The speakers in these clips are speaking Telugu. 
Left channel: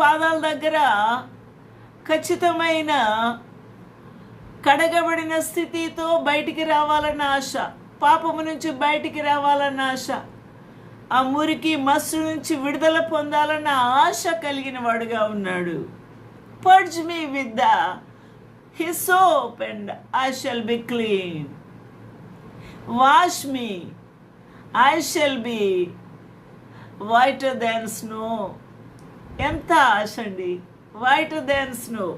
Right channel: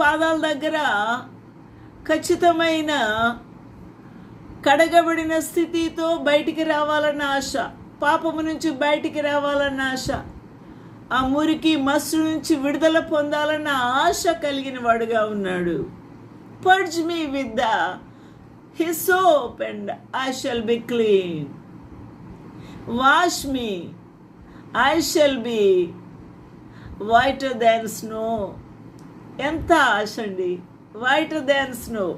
పాదాల దగ్గర ఖచ్చితమైన కడగబడిన స్థితితో బయటికి రావాలన్న ఆశ, పాపము నుంచి బయటికి రావాలన్న ఆశ, ఆ మురికి మస్సు నుంచి విడుదల పొందాలన్న ఆశ కలిగిన వాడుగా ఉన్నాడు. Purge me with the hyssop and I shall be clean. Wash me, I shall be whiter than snow. ఎంత ఆశ అండి, waiter than snow.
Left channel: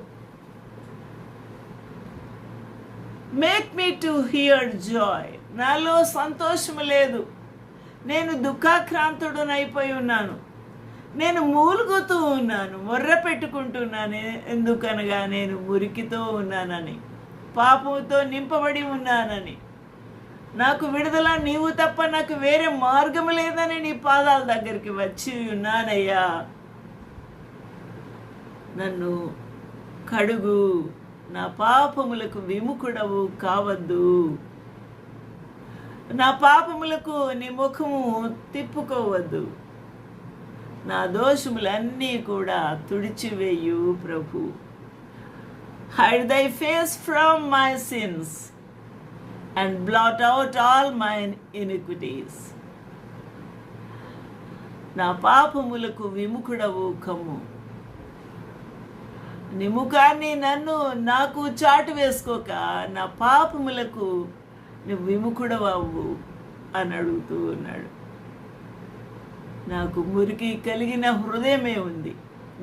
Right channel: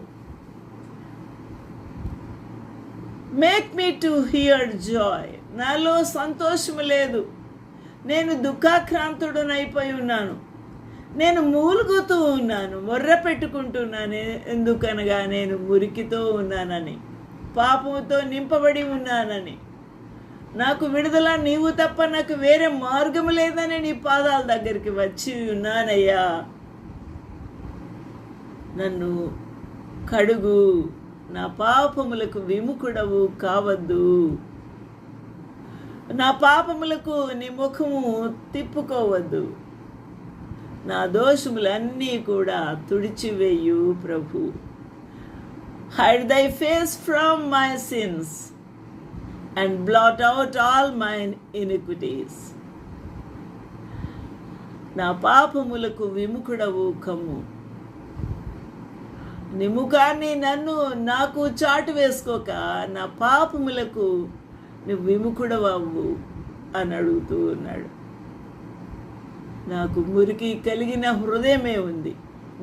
Make me to hear Joy. నాలో సంతోషము లేదు, నేను దుఃఖాక్రాంతుడనైపోయి ఉన్నాను, నేను మూలుగుతూ ఉన్నాను, మొర్ర పెట్టుకుంటున్నాను. ఎందుకనగా నేను మురికితో ఉన్నానని, పాపముతో నింపబడి ఉన్నానని, నాకు విడుదల నీవు తప్ప నాకు వేరే మార్గం లేదని నీ పాదాల దగ్గరికి వచ్చి ఉన్నానయ్యా. నన్ను కడుగు, నా పాపములకు విముఖుడవు కావద్దు, నా పాపములకు నీ ముఖము తిప్పుకోవద్దు, నా దోషములన్నీ కూడా తుడిచివేయు ప్రభు. హైడ్ దై face from my since and blot out all my iniquities. నా పాపములకు విముఖుడవు కమ్ము, నీ ముఖాన్ని నాకు చాటు వేసుకోక నా పాపములకు నువ్వు విముఖుడవవు అని అడుగుతూ ఉన్నాడు. నాకు మురికి కలిగిన హృదయమే ఉంది,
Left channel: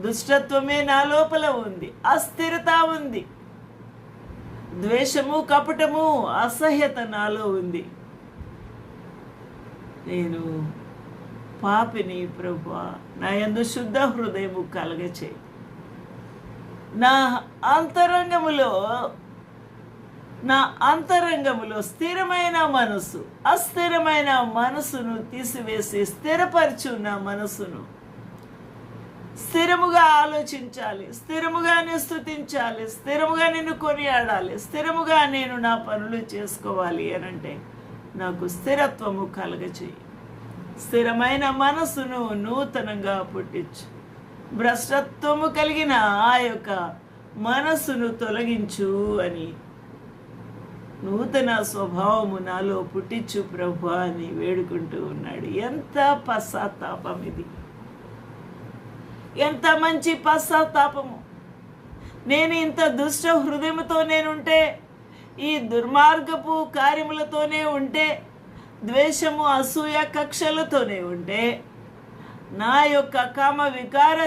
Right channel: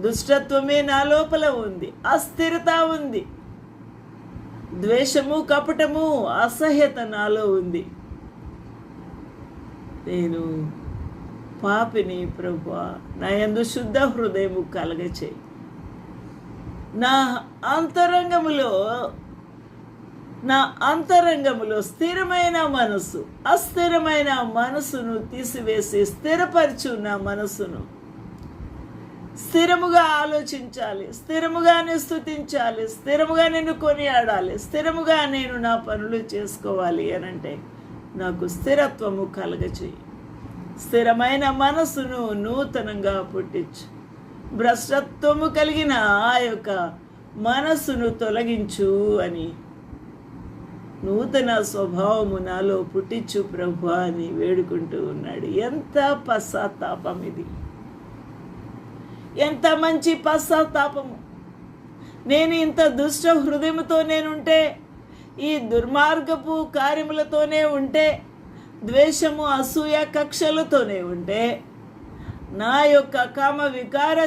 దుష్టత్వమే నా లోపల ఉంది, అస్థిరత ఉంది, ద్వేషము, కపటము, అసహ్యత నాలో ఉంది. నేను పాపిని ప్రభువా, నా యందు శుద్ధ హృదయము కలగచేయి. నా అంతరంగములో స్థిరమైన మనసు, అస్థిరమైన మనసును తీసివేసి స్థిరపరచు. నా మనసును స్థిరముగా ఆలోచించాలి, స్థిరముగా స్తుతించాలి, స్థిరముగా నిన్ను కొనియాడాలి, స్థిరముగా నేను నా పనులు చేసుకోవాలి అనంటే నాకు స్థిరత్వము కలగచేయి. స్థిరమైన మనసును నూతనంగా పుట్టించు. భ్రష్టత్వము కలిగిన ఆ యొక్క మనస్సును తొలగించు అని, నూతన స్వభావము నాలో పుట్టించు ప్రభు అని వేడుకుంటూ ఉన్నాడు. ఎంత పశ్చాత్తాపం ఇది, ఎంత మంచి పశ్చాత్తాపము. నేను ఇంత దుష్ట హృదయముతో నేనుంటే, ఈ దుర్మార్గపు కార్యములతోనే ఉంటే, ద్వేషము, అసూయ, కక్షలతోనే ఉంటే, నా యొక్క కామ వికార